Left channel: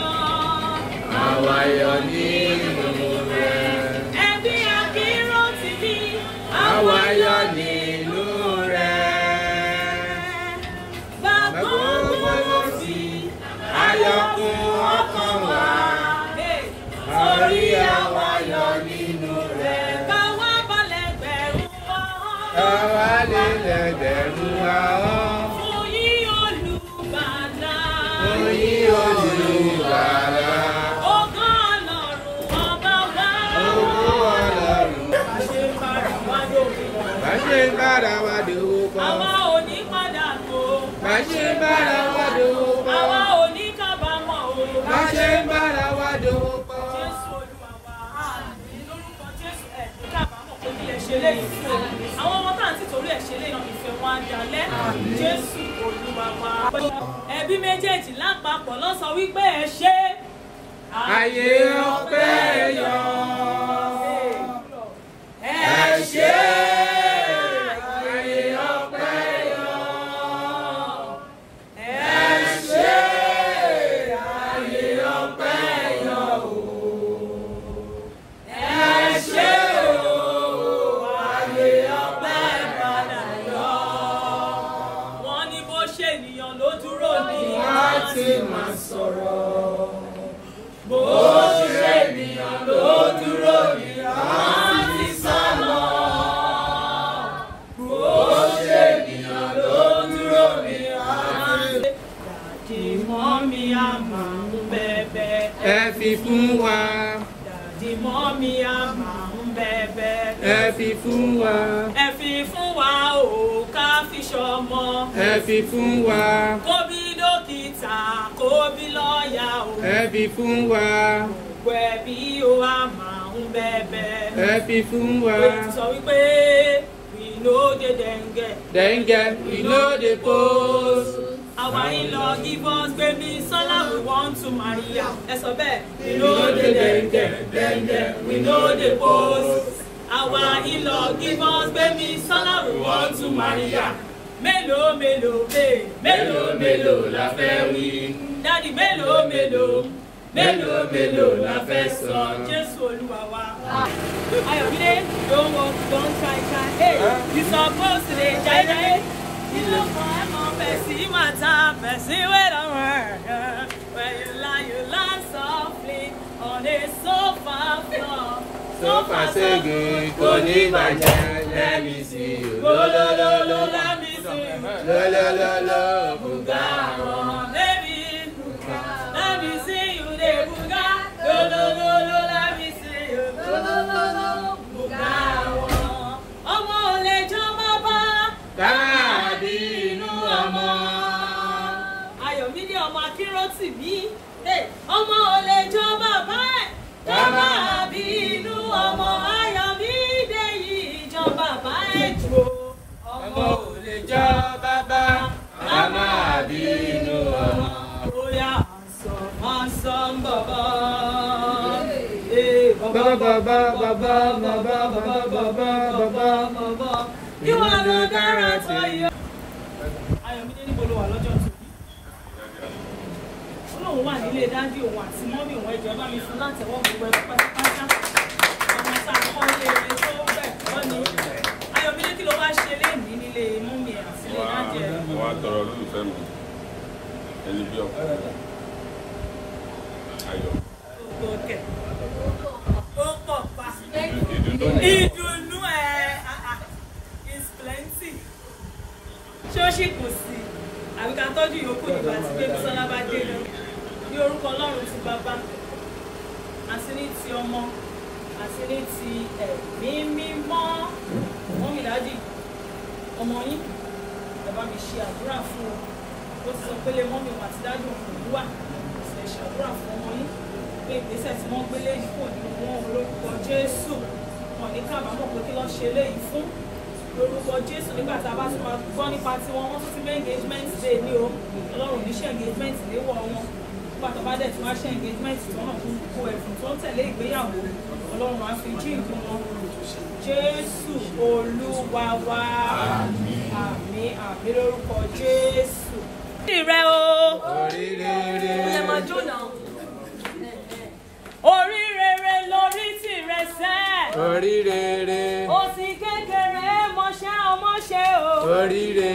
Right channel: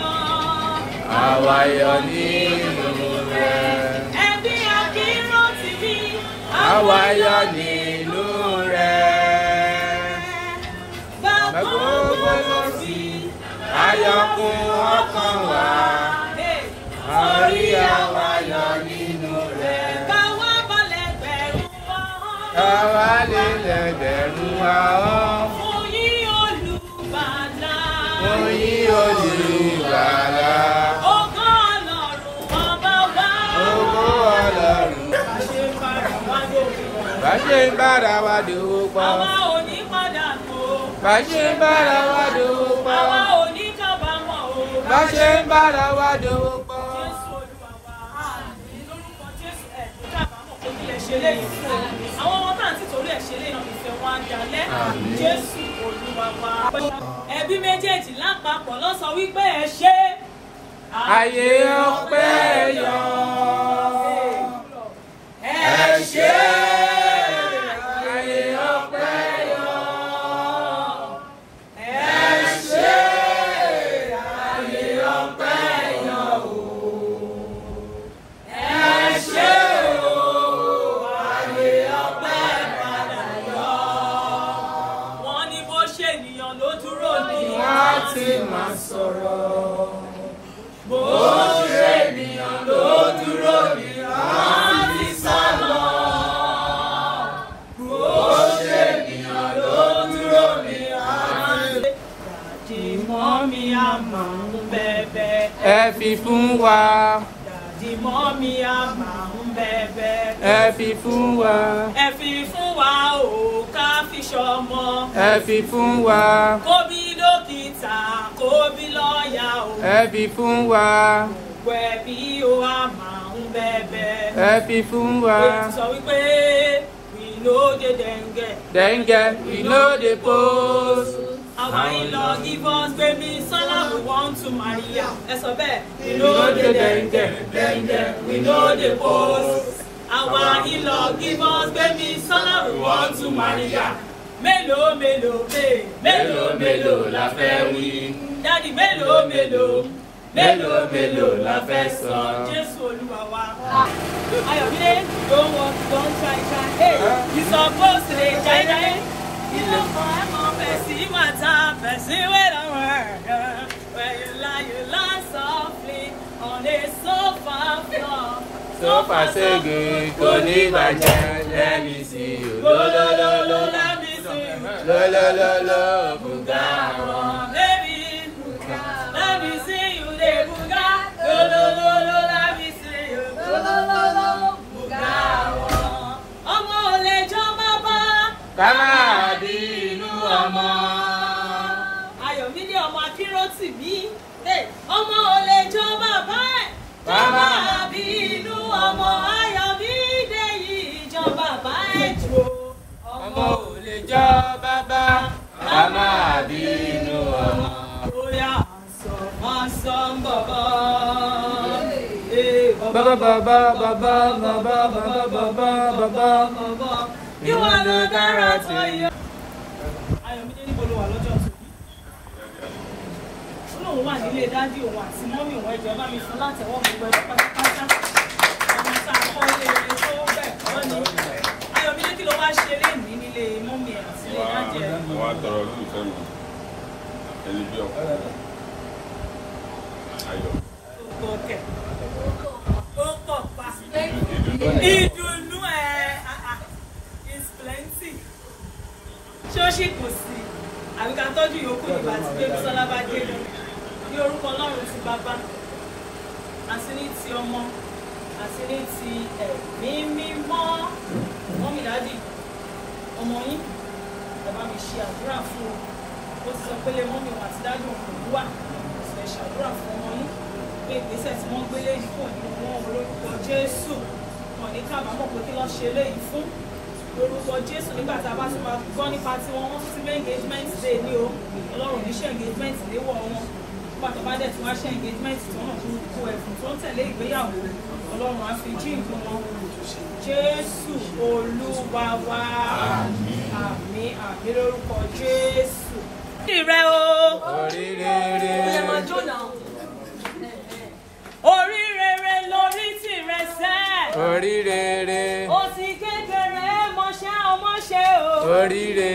àwa yọ̀ nínú rẹ̀. Ẹbí Akínrótìmí, àwa yọ̀ nínú rẹ̀. Bàbá Olóòtú, ayọ̀kún ọkàn wa. Orí àwa yọ̀ nínú rẹ̀. Báwa balẹ̀ gbẹ̀rù wa. Àwa lè lẹ̀gbẹ̀rún ahọ́n. Oyin olùgbàlà. Oyin olùgbàlà. Ògo Ọlọ́run ọba wa. Ògo Ọlọ́run. Bá ṣe ń bára wa dòwò pọ̀. Àwa ò ní padà tó. Bá ṣe ń bára wa dòwò pọ̀. Àwa ò ní kábàámọ̀ o. Bá ṣe ń bára wa dòwò pọ̀. Jésù Olúwa wa. Lórúkọ Jésù ẹ̀ ní kábàámọ̀ kó bí ẹ ṣe léyìí fún o. Àwọn ọmọ tá à ń tìtorí ẹ̀ ṣe léyìí ìfẹ́ wa ń dalẹ̀. Jésù Olúwa wa. Ẹbí méjèèjì lápapọ̀ ló sọ wípé ẹ ṣe. Ayé ọpẹ́ yọ. Ẹ ṣe. Ayé ọpẹ́ yọ. Ẹ ṣe. Ayé ọpẹ́ yọ. Ẹ ṣe o. Ayé ọpẹ́ padà yọ. Wọ́n ní bó ṣe ènìyàn ló dúró ní. Wọ́n ti máa sọ̀rọ̀. Bó ṣe ènìyàn ló dúró ní. Wọ́n ti sá lọ. Bó ṣe ènìyàn ló dúró ní. Dàdí mọ́mí á máa ń bẹ̀bẹ̀. Ẹ fi fún wa. Dàdí mọ́mí á máa ń bẹ̀bẹ̀. Ẹ fi fún wa. Ẹ fi fún wa o, ká fi ṣọmọ. Ẹ fi fún wa. Kó bí dókítà, kó bí lọ́ọ̀yà o. Ẹ fi fún wa. Gbogbo ẹbí o á máa ń bẹ̀bẹ̀. Ẹ fi fún wa. Èyí sọ wípé we no dey dengue. Dengue, we no dey post. Our in-law give us baby Sola, we want to marry ya. Ẹ sọ bẹ́ẹ̀. We no dey dengue, dengue, we no dey post. Our in-law give us baby Sola, we want to marry ya. Mélòó mélòó Mélòó mélòó la fẹ́ wí. Daddy mélòó mélòó Mélòó mélòó la fẹ́ sọ. Jésù Olúwa wa. Ayọ̀mídé, don't walk, don't try. Hey, you supposed to dey jai. You know, person matter, person wey don work. When you lie softly on a sofa floor. Sofa sege kò ní bàjẹ́, let me see you. Lólólóló, lólólóló, bùgá wọn. Baby, let me see you dey buga. Lolololo, let me see you. Lolololo, buga wọn. Ọmọ ò lè jọ bàbá. Ká máa bí inú ọmọ. Ayọ̀mídé ọmọ Akínrótìmí. Ọmọ ò lè jọ bàbá ẹ̀. Ká máa bí inú ọmọ. Ayọ̀mídé yìí jọ bàbá ẹ̀ jù. Ọmọ ò lè jọ bàbá, ká máa bí inú ọmọ. Bóyá wọ́n sọ ń bọ̀bọ̀. Bàbá bàbá bàbá bàbá bàbá bàbá bàbá. Ìwọ ló dára tó yẹ. Ayọ̀mídé níbo ló wà lọ́jọ́ tó? Olóhùn wà nílé dádì òun àti mọ́mì òun ẹjọ́ bá mi fún látẹ̀wọ́ gbogbo ẹ̀kọ́ pátápátá. Ọmọ tá a kọ́ lé rẹ̀ tó bẹ̀ kọ́ ni. Ayọ̀mídé kí ló wá ṣe lénìí nílé mọ́mì ẹ̀ àti ilé dádì ẹ̀? Wọ́n á tọrọ olólùfẹ́ mi ẹni bí ọkọ ayọ̀. Òkè. Ó pọ̀ pa. Ìdùnnú ẹ̀ is plenty. Ṣóṣì kò sí. Àbí ká tọ́jú ìyókù ìgbà tí pé Bísọ́lá bá dé lọ. Ní orúkọ Ọlọ́run ti bàbá. Àti ní ti ọmọ. Àti ní ti ẹ̀mí mímọ́. Mọ́mì dádì, ọmọ yín, ẹ bá mi ṣe àdúrà fún ọ. Ó ti sọ pé lé mọ́mì òun àti dádì òun kò wá. Ó sì fẹ́ ṣàdúrà fún ọmọ yín. Pé ìgbésẹ̀ tí wọ́n gbé léyìí fún òní wọn lórúkọ Jésù. Wọ́n ní ká àbámọ̀ pé kí lọ́ ṣe léyìí fún. Lórúkọ Jésù nígbà tá a bá tún máa gbọ́ nípa tiwọn, wọ́n tún ti mé engagement day ní o. Ọlọ́run ní ṣe engagement léwọ̀ wọn. Nígbà tó bá dẹ̀ tí wọ́n ṣe engagement tí wọ́n náà fún kó ẹ̀fùn tó ń tẹ̀lé ìgbéyàwó. Ọlọ́run á fi jí nǹkan wọn. Jésù Olúwa wa. Àmín àmín lórúkọ Jésù. Ìrẹ́ o. Oríire. Ìyẹn máa jó náà. Oríire. Òsì kékeré mọṣẹ́ ọmọṣẹ́ o. Oríire.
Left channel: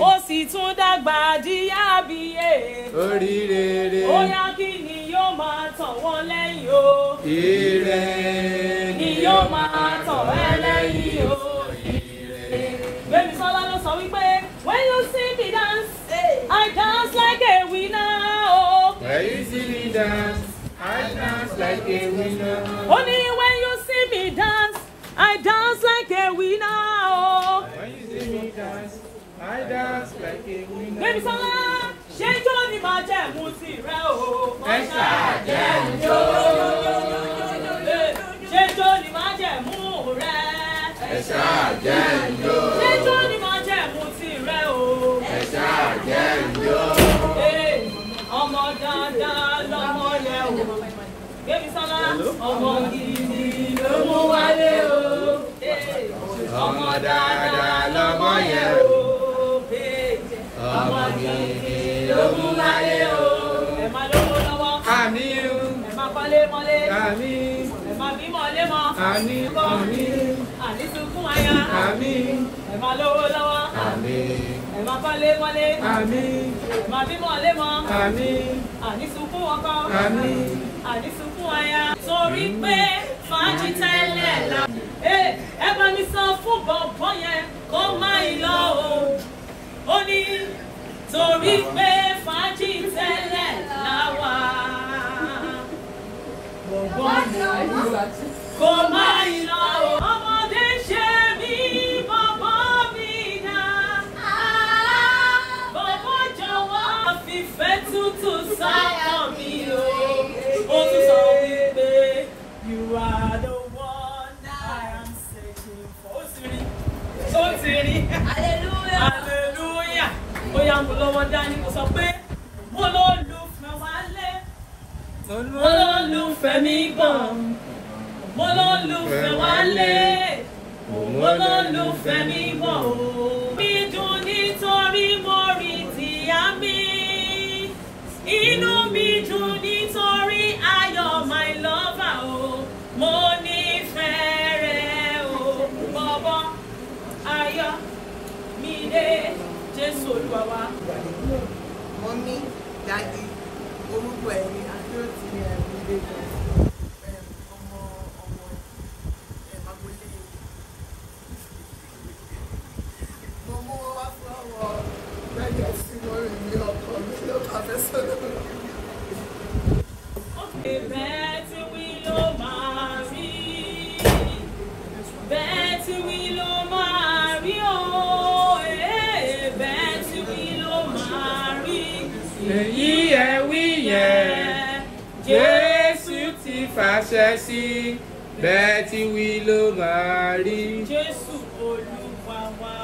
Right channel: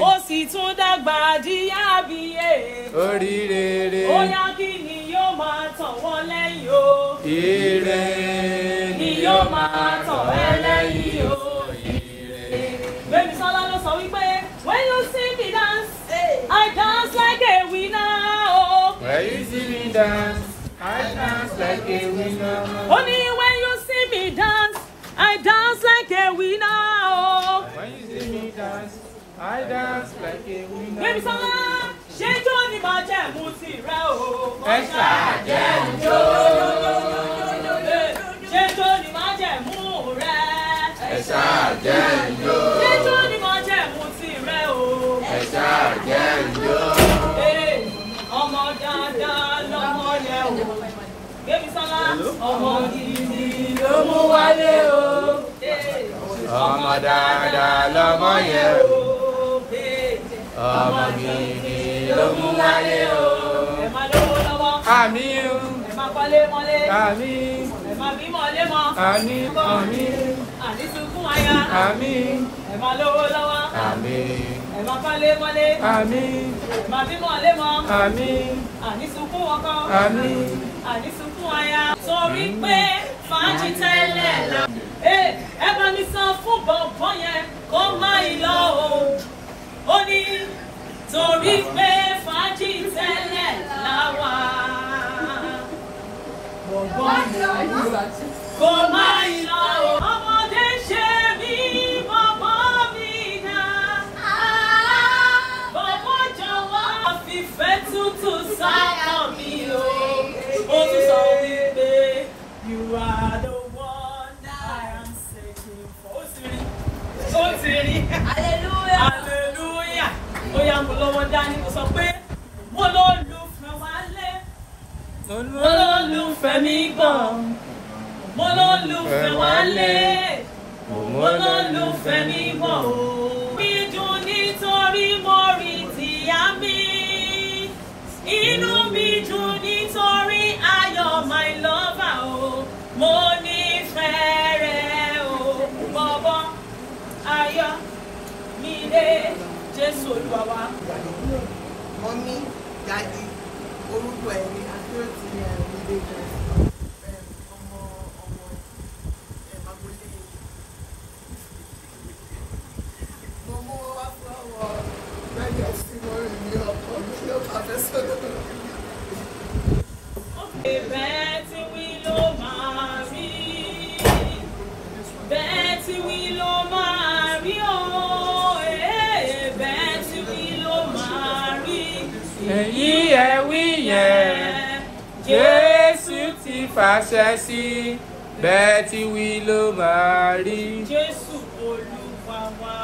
Ó sì tún dàgbà díyà bíyè. Oríire. Ó yá kí ni yóò máa tọ̀ wọ́n lẹ́yìn o. Ire. Ni yóò máa tọ̀ wọ́n lẹ́yìn o. Gbémisọ́lá ló sọ wípé when you see me dance, I dance like a winner o. When you see me dance, I dance like a winner. Only when you see me dance, I dance like a winner o. When you see me dance, I dance like a winner. Gbémisọ́lá ṣé jó ni màá jẹ́ mú tirẹ̀ o. Ẹ ṣàjẹ́ ìjó. Ṣé jó ni màá jẹ́ mú rẹ̀? Ẹ ṣàjẹ́ ìjó. Ṣé jó ni màá jẹ́ mú tirẹ̀ o? Ẹ ṣàjẹ́ ìjó. Ọmọ dandan lọmọ yẹn o. Gbémisọ́lá ọmọ gidi ló mú wálé o. Ọmọ dáadáa lọmọ yẹn o. Ọmọ gidi ló mú wáyé o. Ẹ máa lówó lọ́wọ́. Àmín o. Ẹ máa kọ́lé mọ́lé. Àmín. Ẹ máa bímọ lémọ. Àmín. Àmín. Àní sunkún aya. Àmín. Ẹ máa lówó lọ́wọ́. Àmín. Ẹ máa kọ́lé mọ́lé. Àmín. Ẹ máa bímọ lémọ. Àmín. Àní sunkún ọkọ. Àmín. Àní sunkún aya. Torí pé fàájì tẹ́lẹ̀ la. Ẹ bá mi sọ fún bọ̀bọ̀ yẹn kó má ì lọ o. Ó ní torí pé fàájì tẹ́lẹ̀ la wà. Bọ̀bọ̀ yẹn kó má ì lọ o. Ọmọdé ṣe mí bọ̀bọ̀ mi dá. Bọ̀bọ̀ jọ̀wọ́ fìfẹ́ tútù sáyà mi o. Ó tún sọ wípé you are the one I am searching for. Ó ti rí. Hallelujah. Hallelujah. Ó yá mo lọ́wọ́ dání mo sọ pé mo ló lùfẹ́ wálé. Mo ló lùfẹ́ mi gan. Mo ló lùfẹ́ wálé. Mo ló lùfẹ́ mi gan. Mi dùn nítorí mo rí tìyá mi. Inú mi dùn nítorí ayọ̀ my lover o. Mo nífẹ̀ẹ́ rẹ̀ o. Bọ̀bọ̀ ayọ̀ mi dé Jésù Olúwa wa. Mọ́mí, dájú, orúkọ ẹ̀ ní àdúrà tí ilé ìjọ ọmọ Magolé. Mo mú wá fún ọwọ́ lẹ́yìn tí mo rí ní ọkọ̀ mi ló kàfẹ́ sọ́dọ̀. Bẹ́ẹ̀ tí wí ló máa rí. Bẹ́ẹ̀ tí wí ló máa rí o. Bẹ́ẹ̀ tí wí ló máa rí. Èyí ẹ wí yẹn, Jésù ti fàṣẹ sí, bẹ́ẹ̀ tí wí ló máa rí. Jésù Olúwa wa.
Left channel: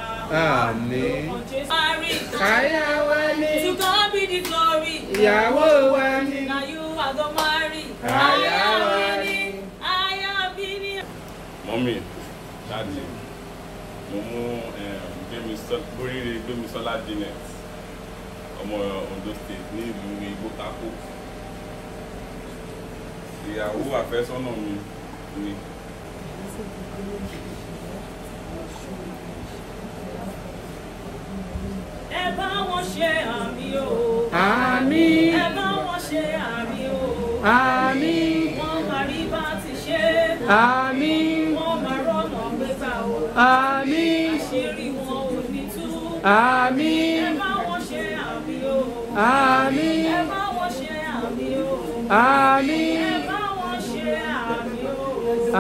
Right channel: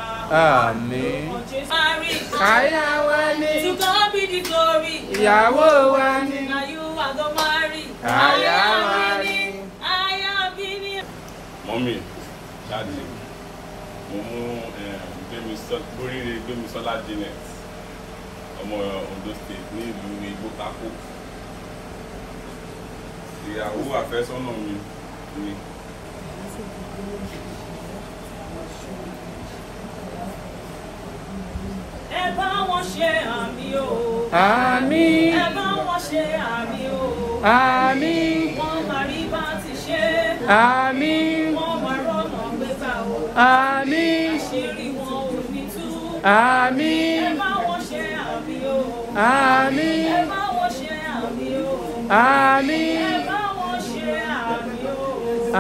Àmín. Aya wa ni. To God be the glory. Ìyàwó wa ni. Now you are the marry. Aya mi ni. Aya mi ni. Mọ́mì, ṣáàjì, mo mú Gbémisọ́lá Janet, ọmọ Ondo State ní ìlú Igbótákó. Ìyàwó àfẹ́sọ́nà mi ni. Ẹ bá wọn ṣe àmì o. Àmín. Ẹ bá wọn ṣe àmì o. Àmín. Wọ́n máa rí bá ti ṣe. Àmín. Wọ́n máa rọ́nà gbégbá o. Àmín. Àṣírí wọn ò ní tú. Àmín. Ẹ bá wọn ṣe àmì o. Àmín. Ẹ bá wọn ṣe àmì o. Àmín. Ẹ bá wọn ṣe àmì o.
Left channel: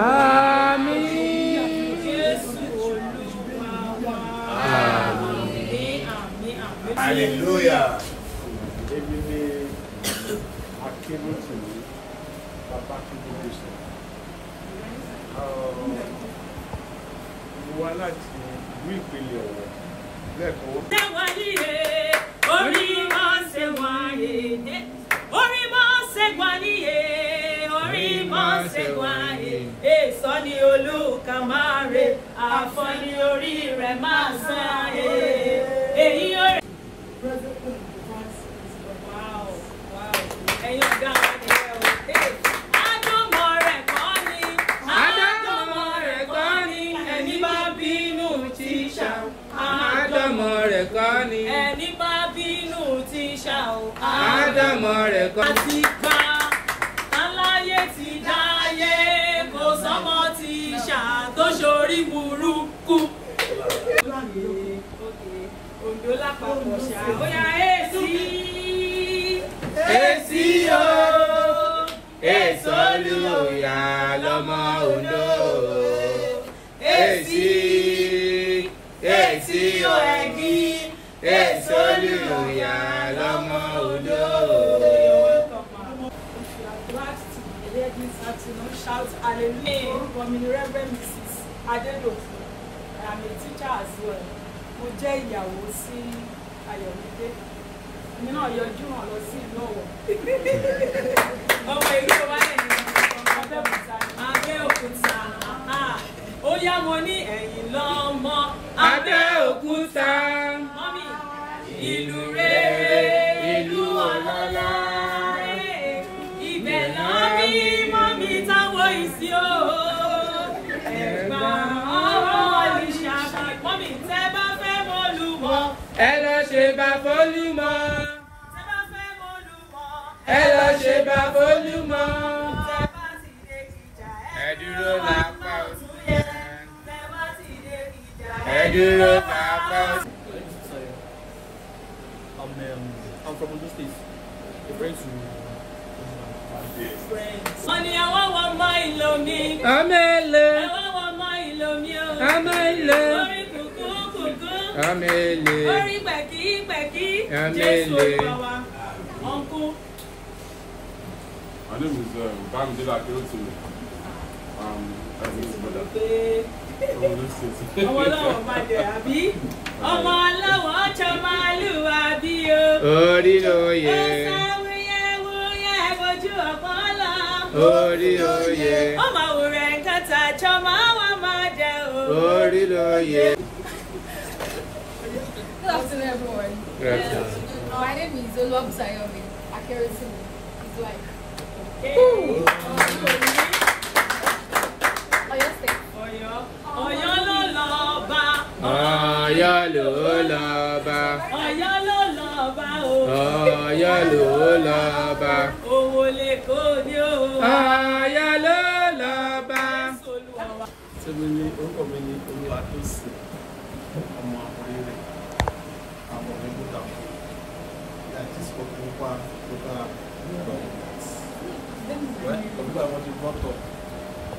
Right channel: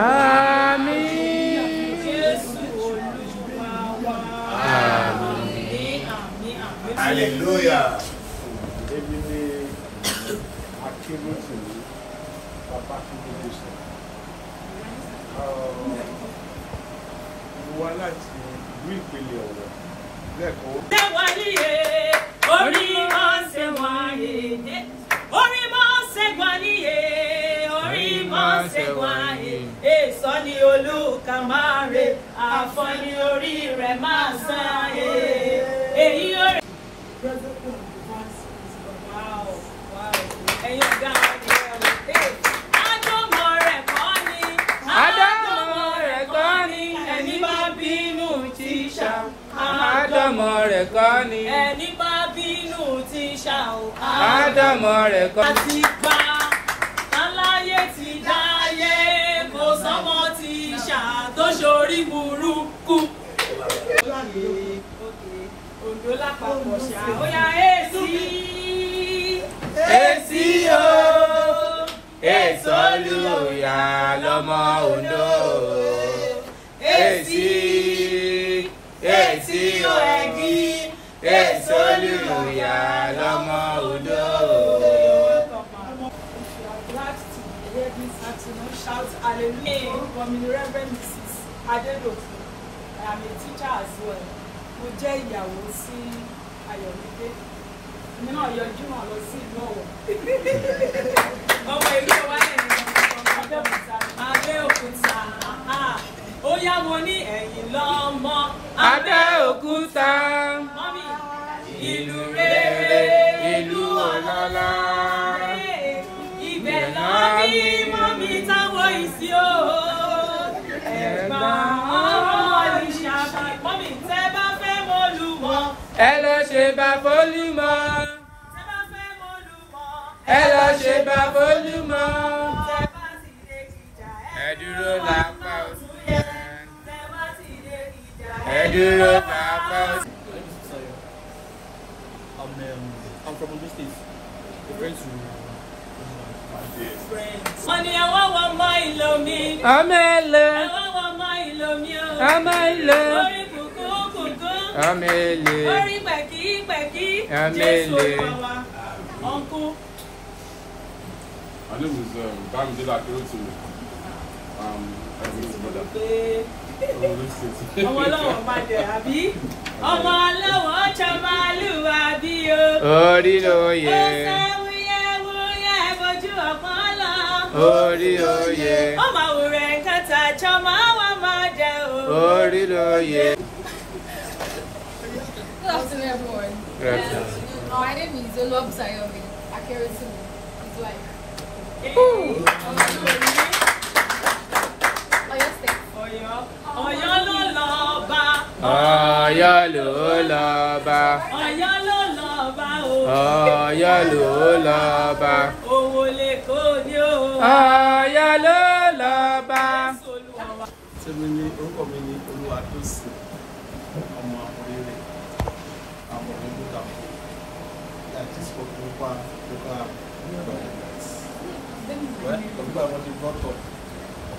Àmín. Jésù Olúwa wa. Àmín, àmín, àmín. Hallelujah. Ebi ni akébótì ní bàbá akébótì. Mo wá láti ìlú Ìpele Ọ̀wọ̀ lẹ́kọ̀ọ́. Ṣé wà níye? Orí máa ń ṣe wà níye. Orí máa ń ṣe wà níye. Orí máa ń ṣe wà níye. Èso ni olúkà máa rè. Àfọ̀ní orí rẹ̀ máa ṣe àyè. Èyí ó rẹ̀. Ẹ̀yin ọ̀gá wa ni ẹ̀ wò. Ádámọ̀ rẹ̀ kọ́ ni. Ádámọ̀ Ádámọ̀ rẹ̀ kọ́. Àti gbà láláyé ti dáyé kò sọ́mọ ti ṣàtòṣorí burúkú. Òjò lápapọ̀ ṣàbóyá èsì. Èsì o, èso olùyà lọ́mọ Oǹdó. Èsì o ẹ̀gí, èso olùyà lọ́mọ Oǹdó. This afternoon, shout hallelujah. Orúkọ mi ni Reverend Mrs. Adedoku. I am a teacher as well. Mo jẹ́ ìyàwó sí Ayọ̀mídé. Èmi náà yọjú hàn lọ sí ìlú Ọ̀wọ̀. Ọmọ ìlú wa ní Abẹ́òkúta. Ó yá mo ní ẹ̀yìn lọ́mọ Abẹ́òkúta. Mọ́mí ìlú rere, ìlú ọlọ́lá. Ibẹ̀ lọ́mí mọ́mí táwọn ìsí o. Ẹ̀gbá ọmọ ìṣàkà. Mọ́mí tẹ́ bá fẹ́ mọ́lùmọ́. Ẹ lọ ṣe bá fólúmọ. Tẹ́ bá fẹ́ mọ́lùmọ́. Ẹ lọ ṣe bá fólúmọ. Tẹ́ bá ti dé ìjà. Ẹ dúró lápá ọ̀tún yẹn. Tẹ́ bá ti dé ìjà. Ẹ dúró lápá ọ̀tún. I'm from Ondo State. A friend to Wọ́n ní ọwọ́ wọn mọ ìlò mi. Ọmọ èlé. Ọwọ́ wọn mọ ìlò mi o. Ọmọ èlé. Orí kùkú kùkú. Ọmọ èlé. Orí pẹ̀kí pẹ̀kí. Ọmọ èlé. Uncle. My name is Bamidele Akerotu. Everyone's brother. Ọmọ ọlọ́wọ́ bá dẹ̀ àbí? Ọmọ ọlọ́wọ́ ọ̀chọ́ máa lù àbí o. Orí ló yẹ. Wúyẹ́ fojú ọ̀kan lọ. Orí ló yẹ. Ọmọ àwòrán nǹkan tàjọ́ máa wà máa jẹ o. Orí ló yẹ. Good afternoon, everyone. My name is Oluwabusayomi Akerotu. It's like Oyo State. Ọ̀yọ́ ló lọ bá. Ọ̀yọ́ ló lọ bá. Ọ̀yọ́ ló lọ bá o. Ọ̀yọ́ ló lọ bá. Owó lè kó ní o. Ọ̀yọ́ ló lọ bá. Tẹ́mi ní orúkọ mi ní Olúwatósìn ọmọ Oríire àwọn onígbòkà àti spokenpa local government. Well, ọ̀gbọ́n àwọn ti brought up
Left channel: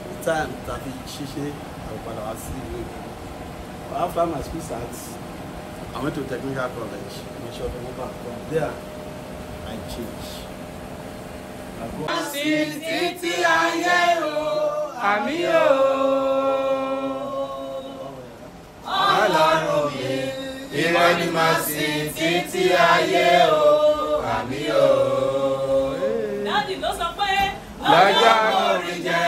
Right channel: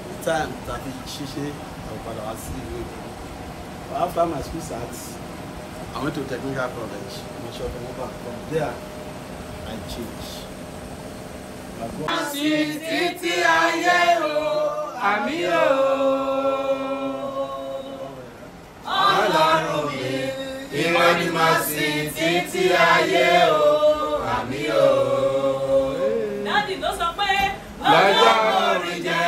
the time tàbí ṣíṣe àgbàdo wá sí ìlú Èkó. After my school start, I went to technical college. From there, I changed. Títí ayé o, àmì o. Ọlọ́run mi, ìwọ ni mo sìn títí ayé o, àmì o. Dáàdì ló sọ pé Lọ́jọ́ orí jẹ́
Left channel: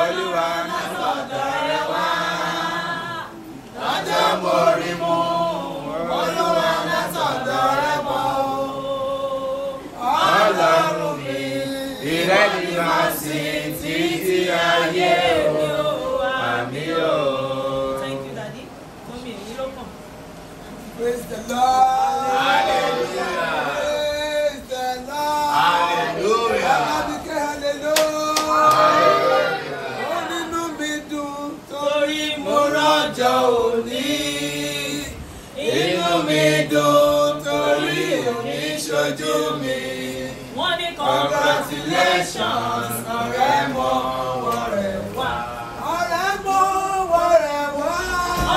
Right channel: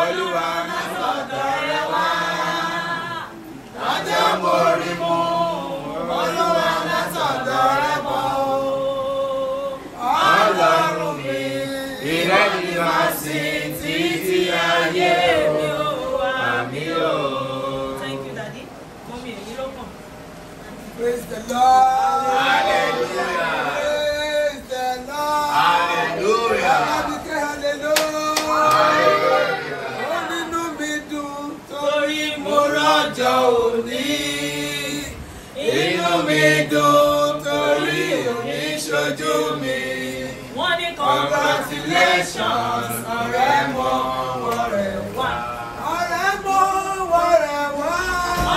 Olúwa náà sọ̀dọ̀ rẹ wá. Lọ́jọ́ orí mú Olúwa náà sọ̀dọ̀ rẹ bọ̀. Ọlọ́run mi, ìwọ ni mo sìn títí ayé o, àmì o. Thank you, Daddy. Mommy, èyí ló kàn. Praise the Lord. Hallelujah. Praise the Lord. Hallelujah. Hallelujah. Hallelujah. Ó nínú mi dùn torí mo rọ́jọ́ òní. Inú mi dùn torí òní ṣojú mi. Wọ́n ní Congratulations, ọ̀rẹ́ mọ wọ̀rẹ́ wá. Ọ̀rẹ́ mọ wọ̀rẹ́ wá.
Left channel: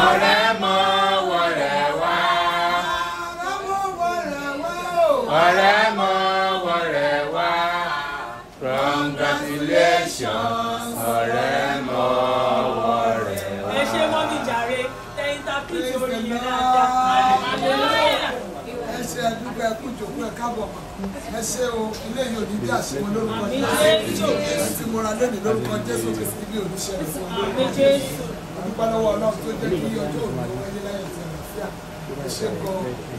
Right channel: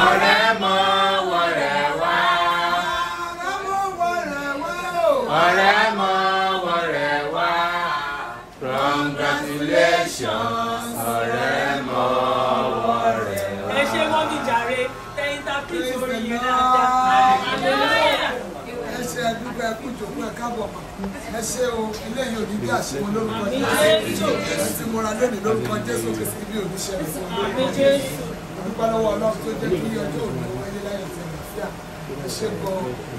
Ọ̀rẹ́ mọ wọ̀rẹ́ wá. Ọ̀rẹ́ mọ wọ̀rẹ́ wá. Congratulations, ọ̀rẹ́ mọ wọ̀rẹ́ wá. ẹ ṣe mọ́mí jàre tẹ́yìn tàbí ìtòrí yìí dáadáa. Ẹ ṣe ẹdúgbò ẹkú ìjòkó ẹ káàbọ̀ mọ́. Ẹ ṣe o, eléyìí ò ní bí àṣemọ lórúkọ Jésù. Ẹ ti múra lónìí lórúkọ Jésù kò sí bí olùṣẹlẹ̀ sí olórúkọ Jésù. Olùkọ́ lọ́wọ́ Ọlọ́run tó jẹ́ kí ọjọ́ òní wáyé láyọ̀ tẹ̀lé fíà. Ẹ ṣe gbọ́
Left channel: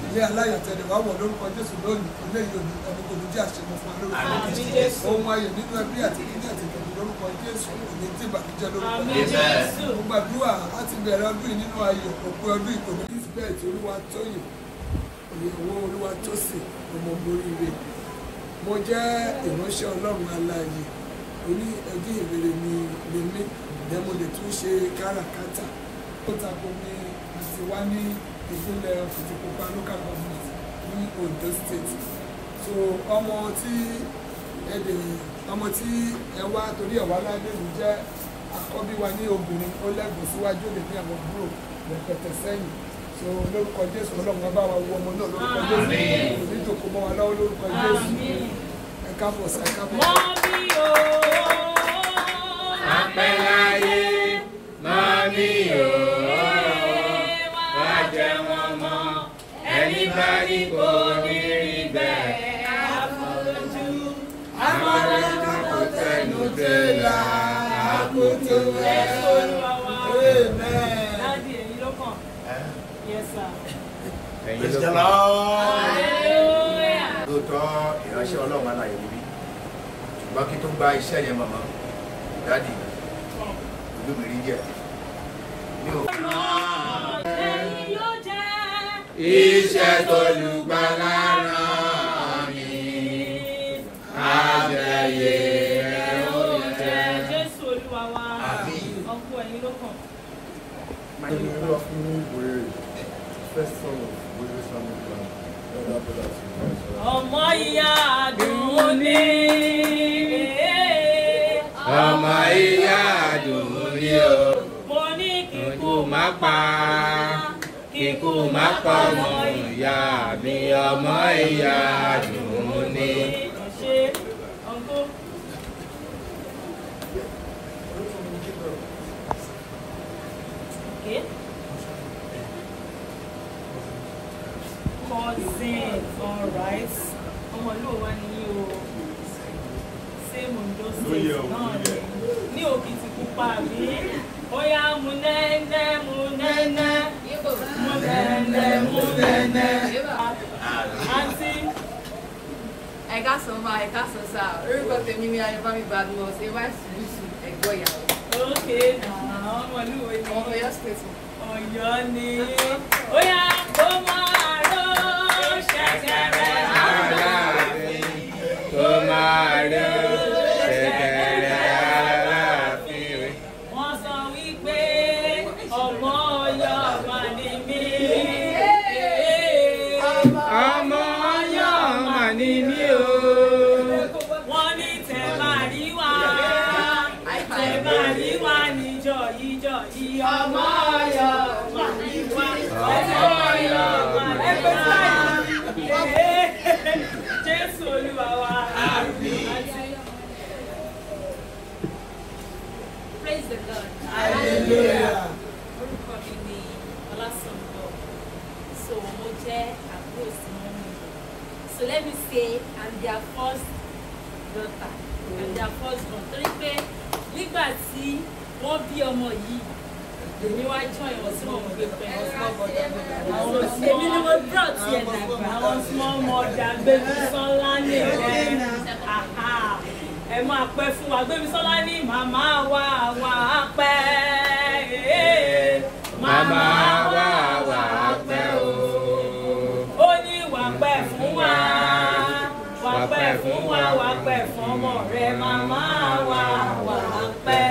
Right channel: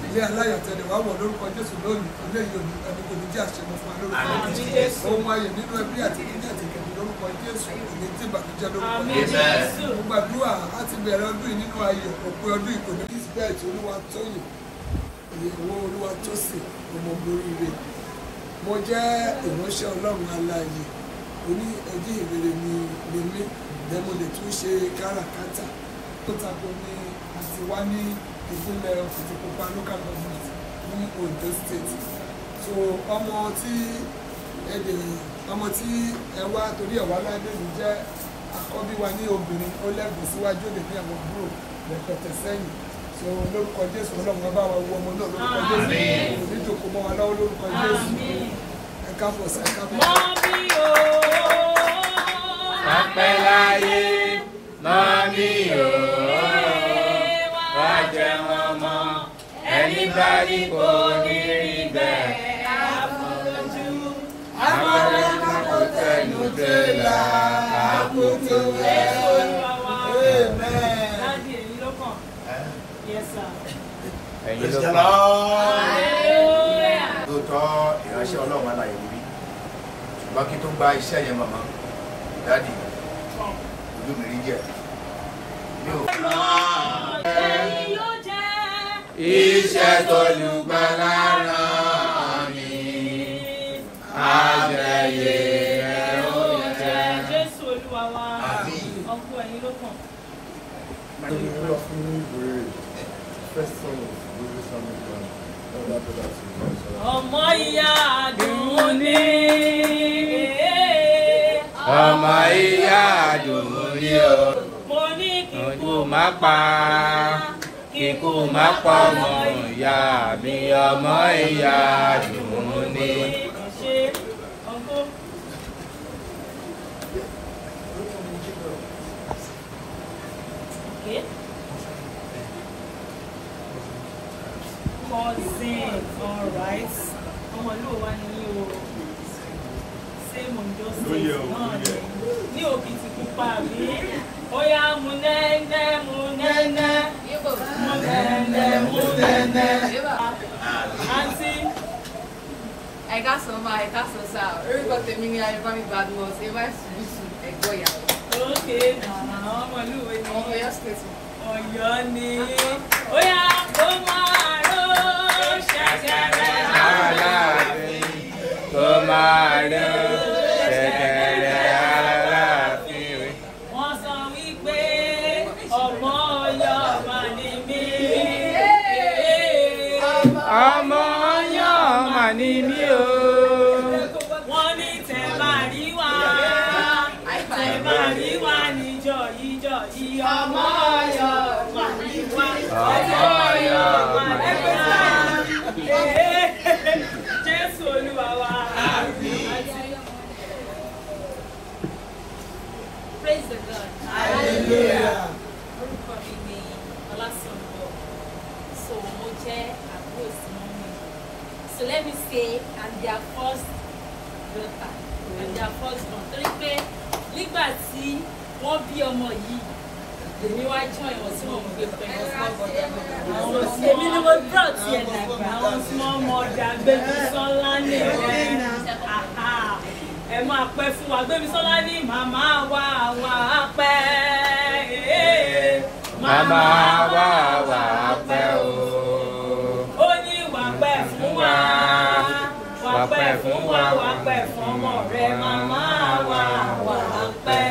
ilé aláyọ̀ tẹ̀lé wá wọ̀ lórúkọ Jésù lónìí. Eléyìí ò ní ẹni kò ní bí àṣemọ fún lórúkọ Jésù. Ohun ayọ̀ nínú ẹbí àti kíní àti ìkẹ̀kẹ̀ lórúkọ Jésù kò ní tí ìbànújẹ́ lórúkọ Jésù. Mo gbàdúrà láti bẹ̀rẹ̀ ọdún yìí nínú ayọ̀ òpin ọdún ìkòní. Elizabeth Olúwatóyìn ìyàwó Olúwatósìn ọmọ Moríire. Mo jẹ́ ìránṣẹ́ Ọlọ́run alààyè oní ẹjí ìrere ni mí then mo lè tún ṣe káràkátà. Ó tako ní àti wá ní ìpínlẹ̀ Òkìtìpupa local government ní Ondo State. So ọmọ tí ẹ wá torí ẹ̀ wá lábẹ́ mi jẹ́ àkọ́bí wa ní obìnrin ó lẹ́gbọ̀n síwájú òde ní àwọn búrò rẹpẹtẹ sẹ́yìn. So lórúkọ Jésù Ọlọ́run bá wa wo ọmọ náà lórúkọ Jésù oníjòkó mọ́ wa lọ́wọ́ lórúkọ Jésù. Ẹ káàbọ̀ sí ẹ káàbọ̀. Apẹ́ láyé mọ́mí o, wọ́n jẹ́ wọn mọ́ ẹni bá rí kò ní rí bẹ́ẹ̀. Àmọ́lẹ́mọ́ kò tẹnu délà àkótó ẹ̀. Daddy, èyí ló kàn. Yes, sir. Ẹ̀yin ló kàn. Lóòótọ́ ìránṣẹ́ Ọlọ́run aláyè níbí. Ṣùgbọ́n kí tó gba iṣẹ́ yẹn màmá, dáàdì, ìlú mi rí jẹ́. Mi ò fún Iṣẹ́ tó lùgbàlà rán mi, àjẹyè ẹ̀rọ jẹ́. Jésù Olúwa wa. àmín. Ọkọ ẹ̀yin ló kàn. Ọmọ ìyá Àdùnní. Ọmọ ìyá Àdùnní o, Mo ní kíkú má pa ọmọ ìyá mi, ọmọ ìyá Àdùnní. ṣe ọkọ. Okay. Cousin, all right. Ọmọ ìlú wa ni o. Same Ondo State náà ni. Ní Òkìtìpupa mi. Ó yá mu nẹ́nẹ́. Àǹtí. I got some sir. Everybody tell me I never bad news. If I finish I go ya. Okay, ọmọ ìlú wo ni? I'm Ọ̀yọ́ State. Ọ̀yọ́ ni. Ó yá kó máa ró ṣẹ̀ṣẹ̀rẹ̀. Aláàfin kó máa ró ṣẹ̀kẹ̀rẹ̀ Aláàfin. Wọ́n sọ wípé ọmọ Ọ̀yọ́ mà ní mí. Ọmọ Ọ̀yọ́ mà ní mí o. Wọ́n ní tẹ̀ máa rí wá. Tẹ̀ máa rí wá níjọ́ yìí. Ọmọ Ọ̀yọ́ mà ní wá. Ọmọ Ọ̀yọ́ mà ní wá. Jésù Olúwa wa. Praise the Lord. Hallelujah. Orúkọ mi ni Ọlásùnbọ̀. So mo jẹ́ àbúrò sí mọ́mí. So let me say I'm their first daughter. I'm their first born. Torí pé nígbà tí wọ́n bí ọmọ yìí, èmi wá join wọn tí wọ́n gbé pẹ̀lú ọ̀sán. Èmi ni mo brought yẹn dàgbà. Àwọn small mother Gbémisọ́lá ní ọ̀rẹ́. Ẹ máa pẹ́ fún wa. Gbémisọ́lá ní màmá wa pẹ́. Màmá wa pẹ́ o. Ó ní wà pẹ́ fún wa. Wà pẹ́ fún wa, wà pẹ́ fún ọmọ rẹ̀. Màmá wa pẹ́.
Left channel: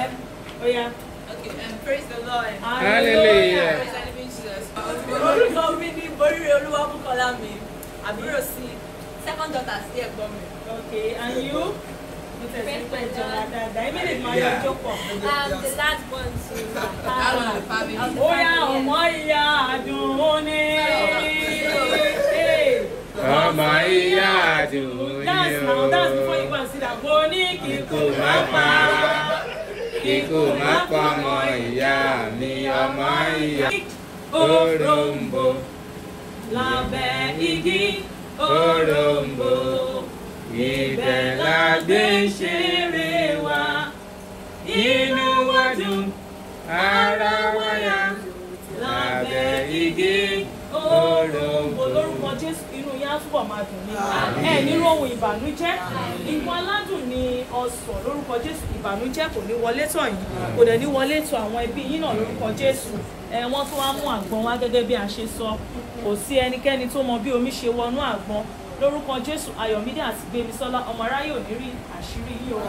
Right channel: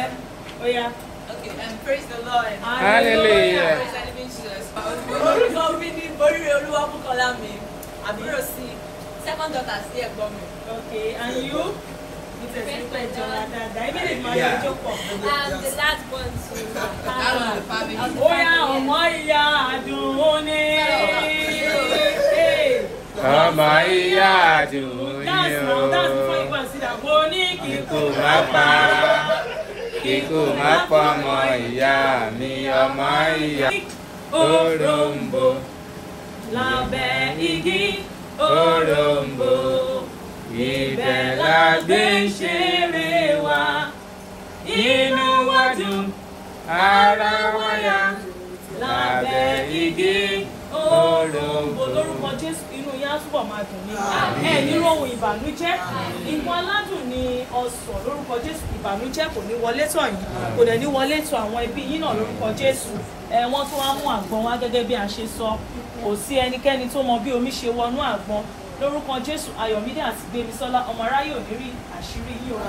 Ó yá. Okay, praise the Lord. Hallelujah. Praise the living Jesus. Orúkọ mi ni Boríire Olúwabùkọ́lá mi. Àbúrò sí second daughter sí ẹ̀gbọ́n mi. Okay, and you? I'm the last one too. Ó yá ọmọ ìyá Àdùnní. Ọmọ ìyá Àdùnní o. Kíkú má pa ọmọ ìyá mi, ọmọ ìyá. Òròǹbó lábẹ́ igi òròǹbó. Ibẹ̀ la gbé ṣeré wa, inú wa dùn, ara wa yá, lábẹ́ igi òròǹbó. Lórúkọ Jésù inú yá pọ̀ máa máa dùn ní ẹ nínú ohun ìbànújẹ́ nǹkan aládùn ni ọsàn lórúkọ Jésù ìbànújẹ́ kò ní wọlé tọ̀ yín kò dẹ̀ ní wọlé tọ̀ àwọn ẹbí yín náà lórúkọ Jésù wọ́n tún wá mú àgbọn wá gẹ́gẹ́ bí a ṣe sọ kò sí ẹnikẹ́ni tó mọ bí omi ṣe wọnú àgbọn lórúkọ Jésù Ayọ̀mídé àti Gbémisọ́lá ọmọ aráyé ò ní rí àṣírí yìí o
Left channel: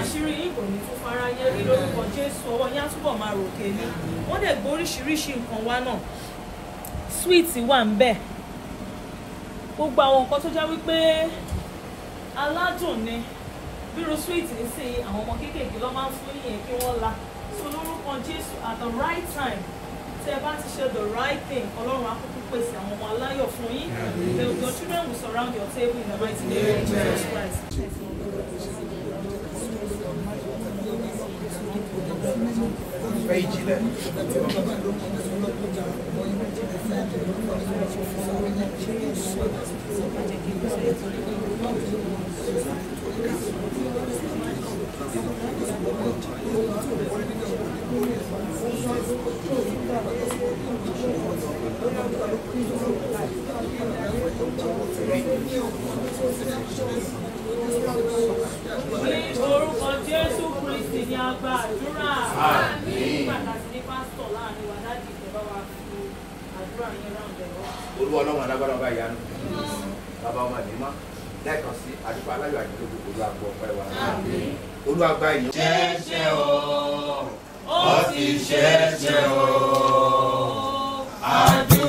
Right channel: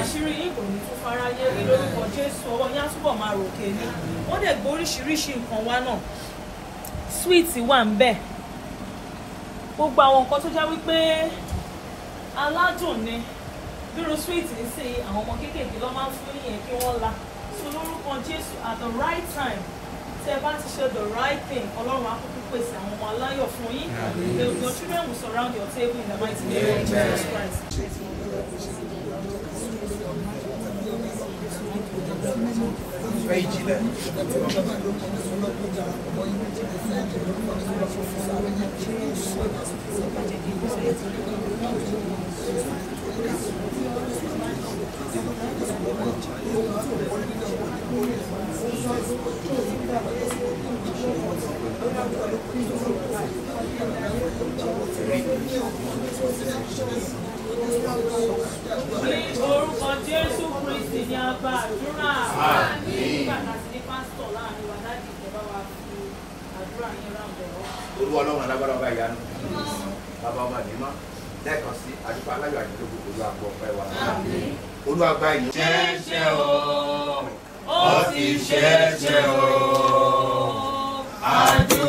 àṣírí yìí kò ní tún fáráyé rí lórúkọ Jésù ọwọ́ yín á túbọ̀ máa ròkè ní wọ́n dẹ̀ gbé oríṣiríṣi nǹkan wá náà sweet wà ń bẹ̀ gbogbo àwọn nǹkan tó jẹ́ wípé aládùn ni bírò sweet ní sí àwọn ọmọ kéékèèké lọ́ máa ń fún nìyẹn kí wọ́n la so lórúkọ Jésù at the right time tẹ́ ẹ bá ti ṣe the right thing Ọlọ́run á kúkú pèsè àwọn ọmọ aláyọ̀ fún yín your children will surround your table in the mighty name of Jesus Christ. Orúkọ Jésù Kristi ni a gba àdúrà. Nígbà tí ní pásítọ̀ láàrin wa láti ìjọba wa fi àdúrà yẹn ráńdẹ̀ wá. Olúwa Ọlọ́run alágbára bá ìyanu. Bàbá ọmọ àdìmá lẹ́ẹ̀kan sí àdúgbò aláyọ̀ àdìgbò Olúwa gbọ́ ọpẹ́ wa. Olúwa gba ìyìn. Ṣé o, ó ti ṣe é ṣe o, àdúrà.